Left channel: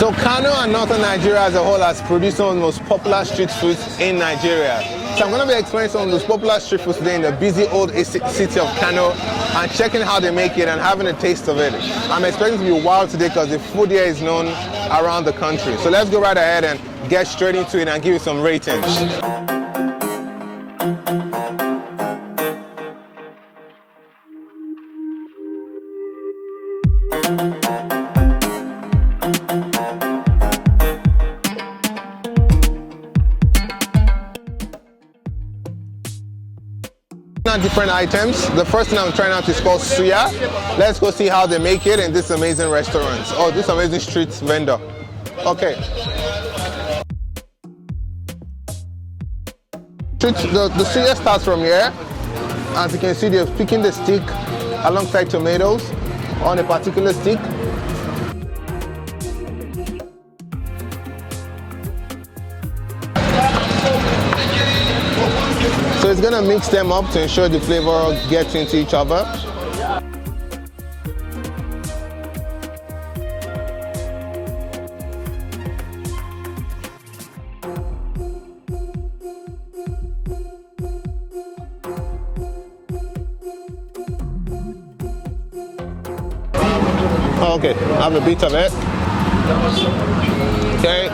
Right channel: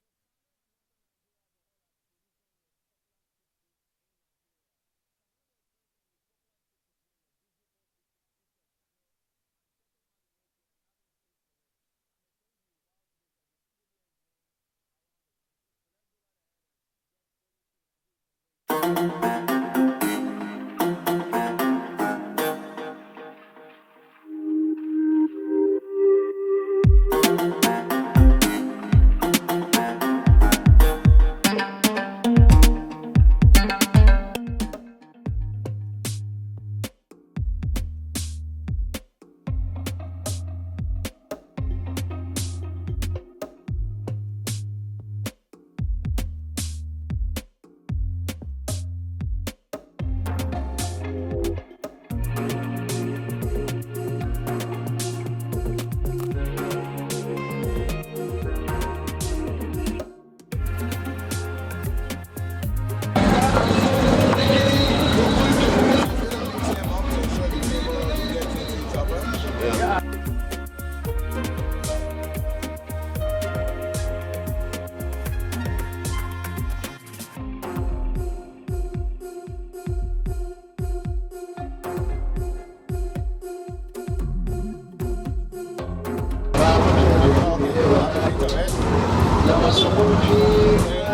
So Kano and northern Nigeria as a whole has produced some of the most popular street foods in Nigeria. So I'm going to be explaining some of those popular street foods today in the busy old city of Kano and checking how they make it and having a taste of it. I'm expecting to be wild today because the food here is known around the country. So let's go right ahead and get straight into it and give you some ratings. Different items. The first thing I'm trying out is called Suya. Let's go see how they make it in this amazing restaurant or this amazing street vendor. Okay. The Suya starts from here. As you can see, they're picking the stick alongside tomatoes on a particular stick. It's gonna mix them up to ensure the flavor gets into each other. Okay, have a bit of it. Okay.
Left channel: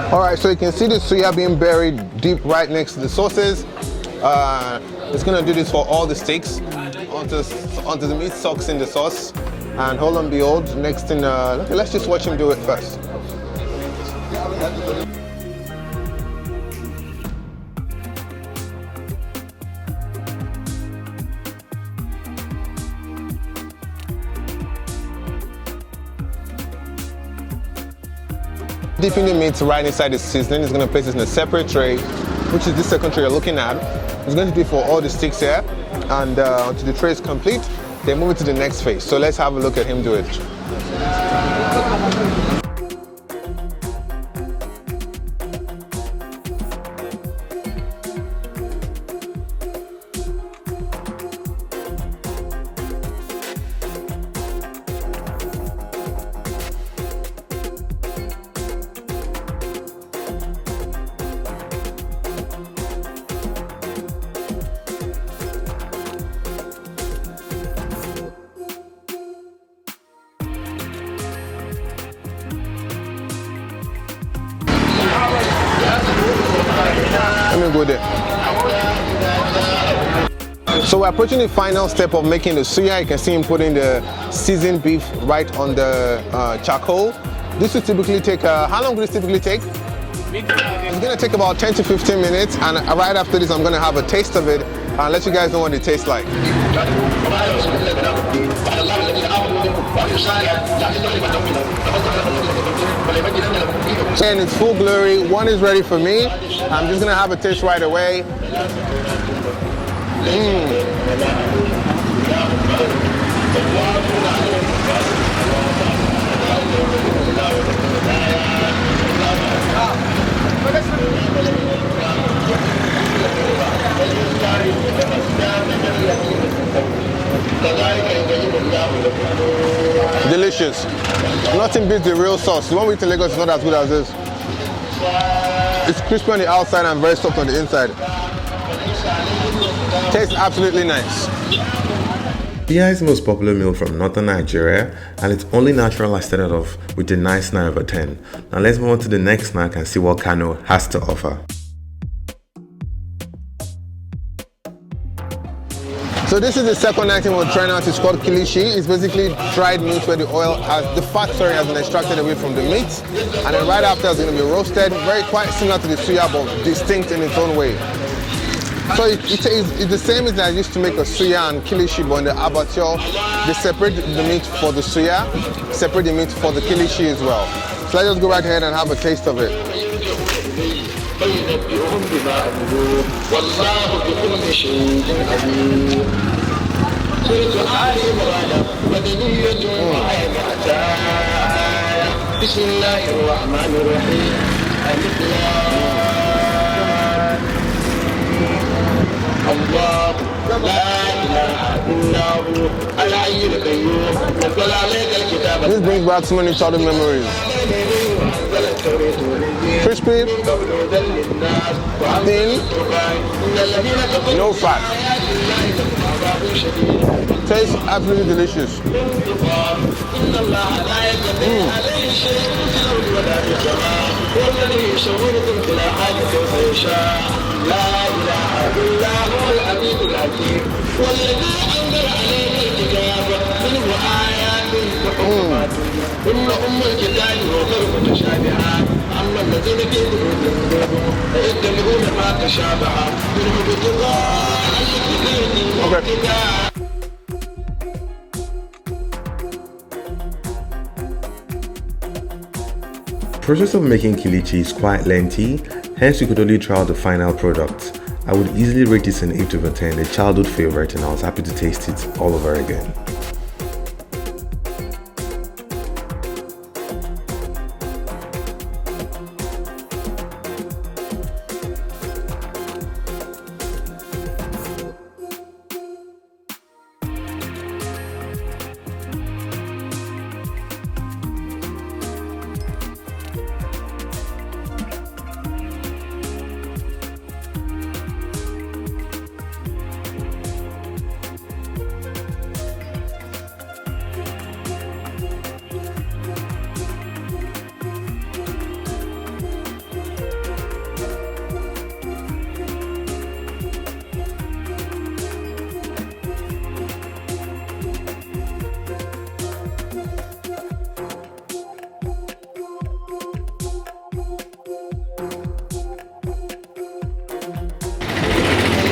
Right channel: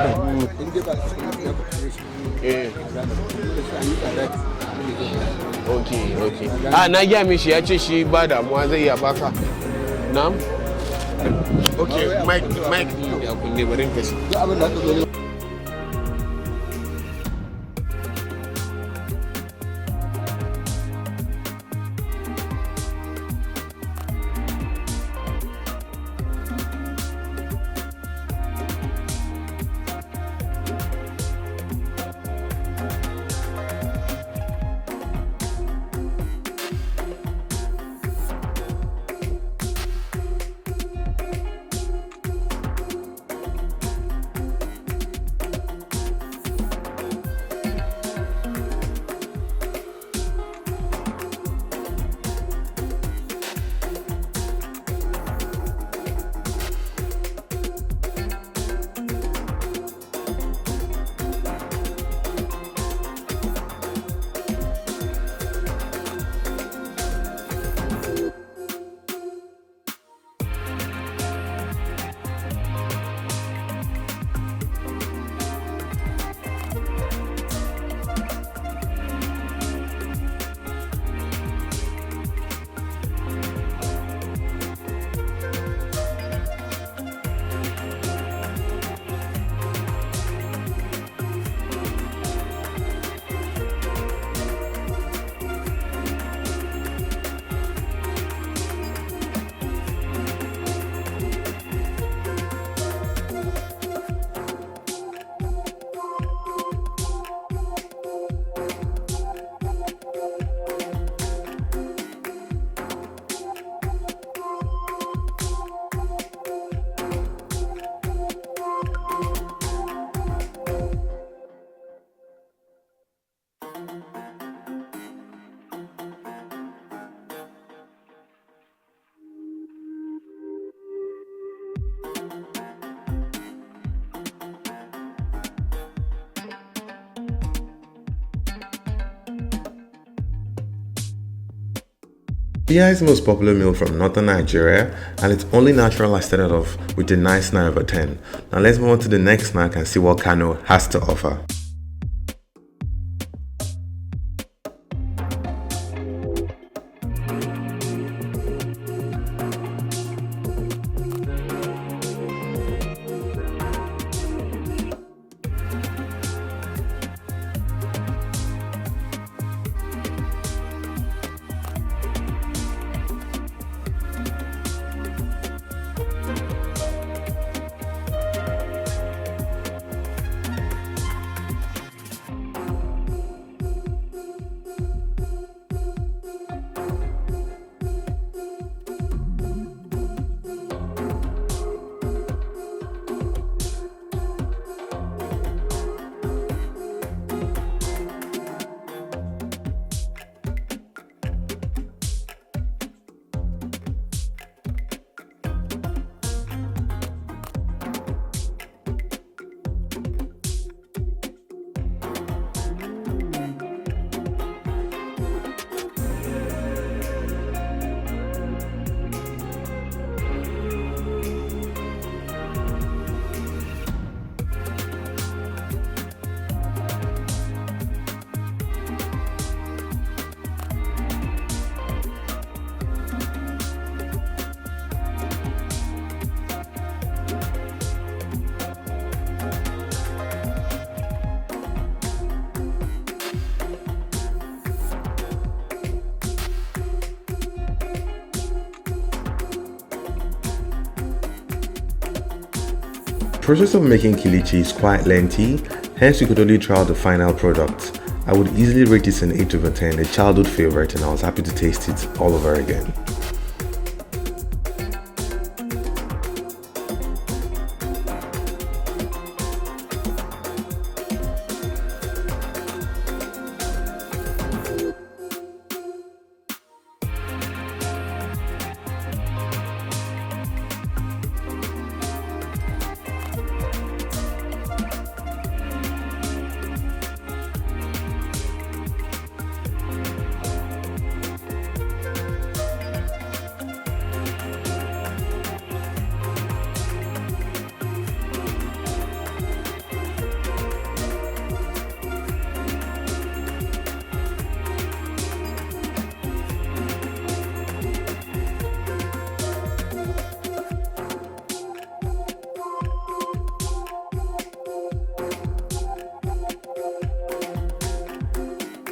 Alright, so you can see the suya being buried deep right next to the sauces. It's going to do this for all the steaks. And hold on, behold, next thing, let's just watch him do it first. Dipping the meat right inside the seasoning. It's going to place it in a separate tray, which is this second tray you're looking at. It's going to be for all the sticks here, and until the tray is complete, they move it to the next phase. So let's have a look at him do it. Let me go there. So we're approaching the final step of making the suya. You can see him putting the seasoned beef right on the charcoal. This will typically take, how long will this typically take? It's going to take about 10 to 15 minutes, and right after this I'm going to have a taste of it and let you guys know what it tastes like. And it's full glory. One is ready for me. I'm just gonna have a taste right away. Delicious. Nothing beats the real sauce. The one we eat in Lagos is not as good as this. It's crispy on the outside and very soft on the inside. Tastes absolutely nice. Suya is the most popular meal from northern Nigeria, and it's only natural I started off with a nice 9 over 10. Now let's move on to the next snack and see what Kano has to offer. So this is the second item we're trying out. It's called Kilishi. It's basically dried meat where the fat has been extracted away from the meat, and then right after it's going to be roasted. Quite similar to the suya, but distinct in its own way. So it's the same as I used to make a suya and Kilishi, but in the abattoir, they separate the meat for the suya, separate the meat for the Kilishi as well. So let's just go right ahead and have a taste of it. This brings back so many childhood memories. Crispy, thin, no fat. Tastes absolutely delicious. Okay. The process of making Kilishi is quite lengthy, hence you could only try out the final product. I would easily rate this an 8 over 10, a childhood favorite, and I was happy to taste it all over again.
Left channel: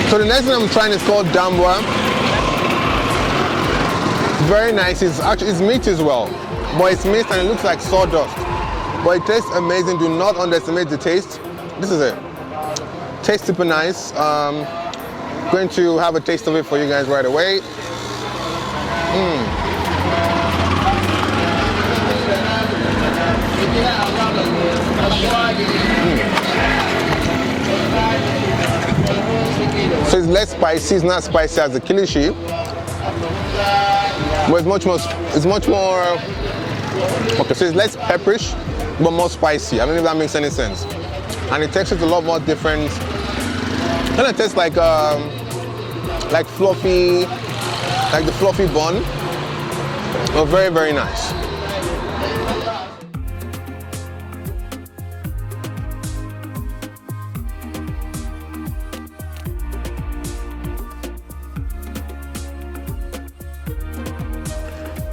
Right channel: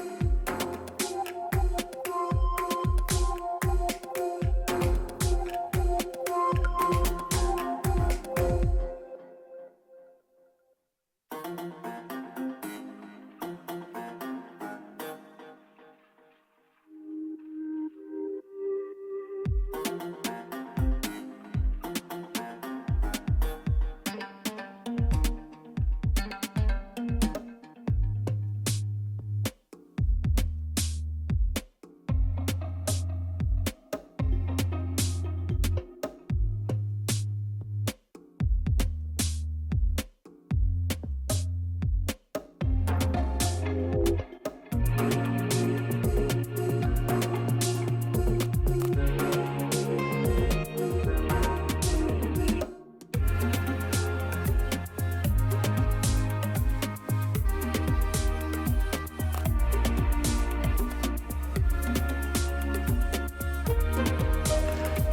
So the next thing I'm trying is called Dakuwa. Very nice. It's meat as well, but it's meat and it looks like sawdust. But it tastes amazing. Do not underestimate the taste. This is it. Tastes super nice. Going to have a taste of it for you guys right away. So it's less spicy, it's not spicy as the Kilishi, but it's much more, okay, so it's less pepperish, but more spicy. I don't know if that makes any sense. And it tastes a lot more different. Kind of tastes like fluffy, like the fluffy bun, but very, very nice.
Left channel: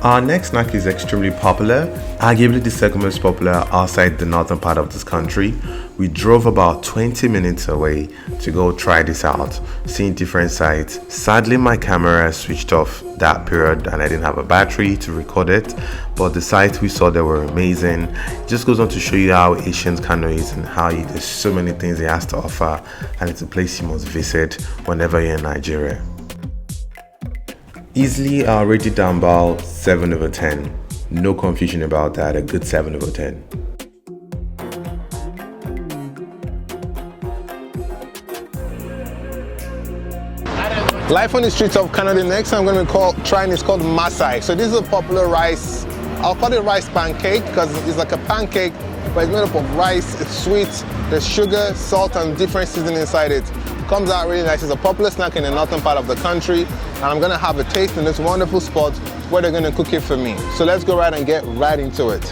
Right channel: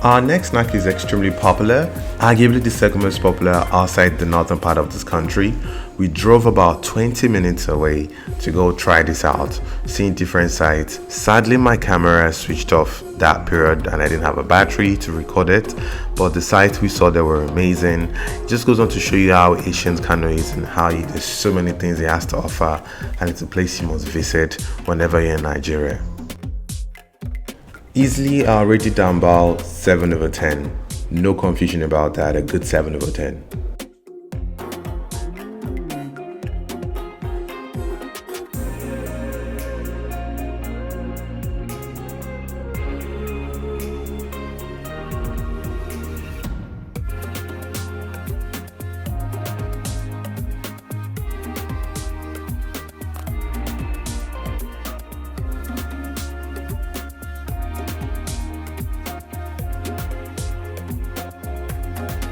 Our next snack is extremely popular, arguably the second most popular outside the northern part of this country. We drove about 20 minutes away to go try this out, seeing different sites. Sadly, my camera switched off that period and I didn't have a battery to record it, but the sites we saw there were amazing. It just goes on to show you how Asian KANO is and how there's so many things it has to offer, and it's a place you must visit whenever you're in Nigeria. Easily, I'll rate it Dumbbell 7 over 10. No confusion about that, a good 7 over 10. Life on the streets of Kano. The next I'm going to trying is called Maasai. So this is a popular rice. I'll call it rice pancake because it's like a pancake, but it's made up of rice. It's sweet. There's sugar, salt, and different seasoning inside it. Comes out really nice. It's a popular snack in the northern part of the country, and I'm gonna have a taste in this wonderful spot where they're gonna cook it for me. So let's go right and get right into it.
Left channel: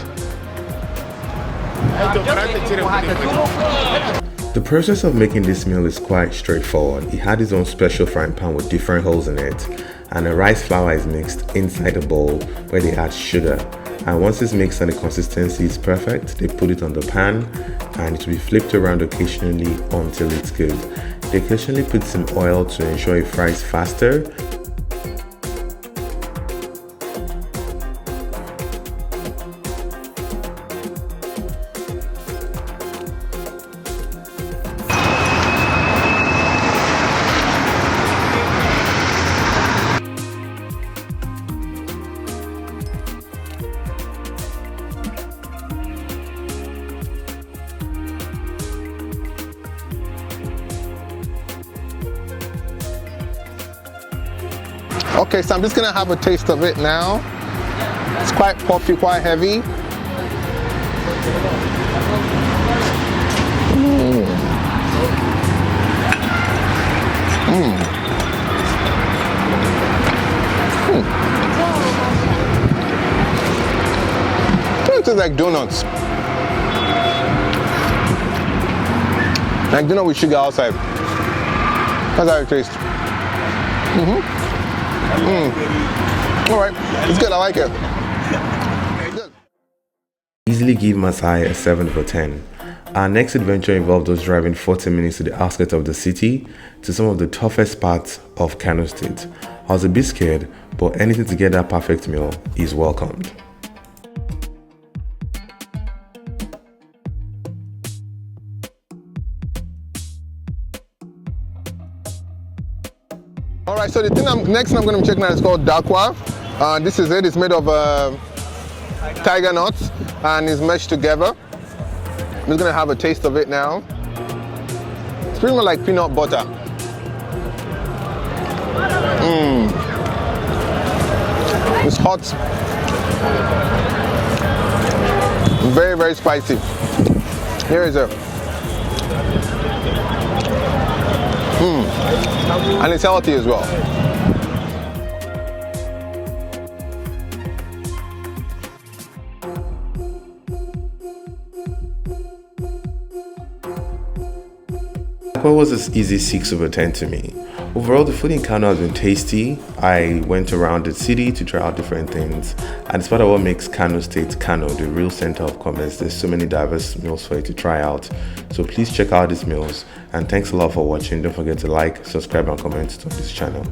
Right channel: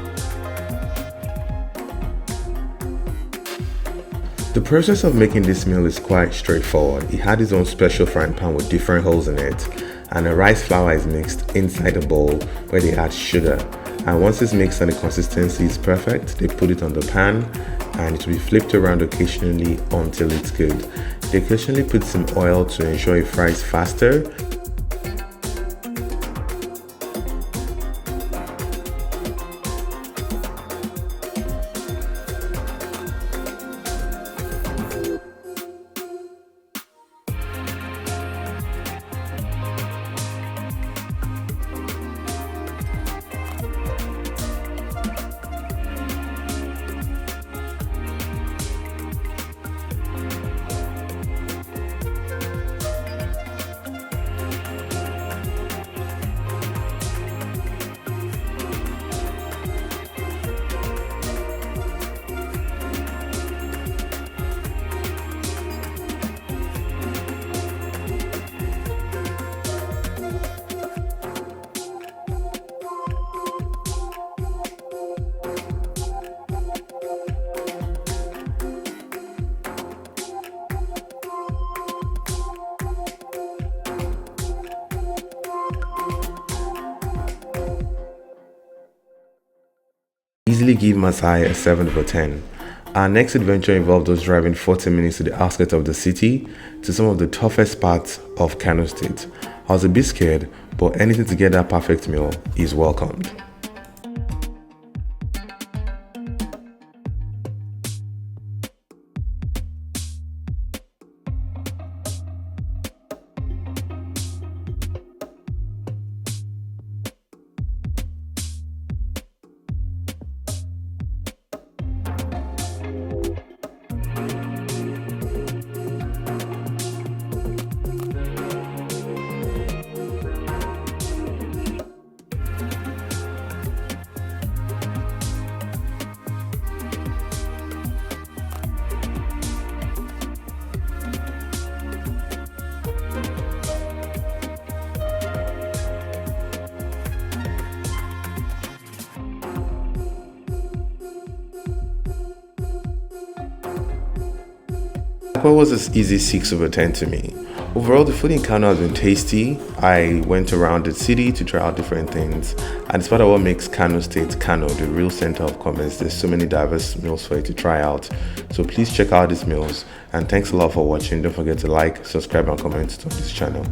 The process of making this meal is quite straightforward. He had his own special frying pan with different holes in it, and the rice flour is mixed inside the bowl where they add sugar. And once it's mixed and the consistency is perfect, they put it on the pan and it will be flipped around occasionally until it's good. They occasionally put some oil to ensure it fries faster. Okay, so I'm just gonna have a taste of it now. It's quite puffy, quite heavy. It tastes like donuts. Like donut with sugar outside. That's how it tastes. All right, it's good. I like it. Good. Easily give Maasai a 7 over 10. Our next adventure involved us driving 40 minutes to the outskirts of the city to some of the toughest parts of KANO State. I was a bit scared, but anything to get that perfect meal is welcomed. All right, so the next thing I'm going to be checking out is called Dakuwa. This is it. It's made of tiger nuts and is meshed together. I'm just going to have a taste of it now. It's pretty much like peanut butter. It's hot. Very, very spicy. Here is it. And it's healthy as well. Aqua was an easy 6 over 10 to me. Overall, the food in KANO has been tasty. I went around the city to try out different things, and it's part of what makes KANO State KANO, the real center of commerce. There's so many diverse meals for you to try out. So please check out these meals, and thanks a lot for watching. Don't forget to like, subscribe, and comment on this channel.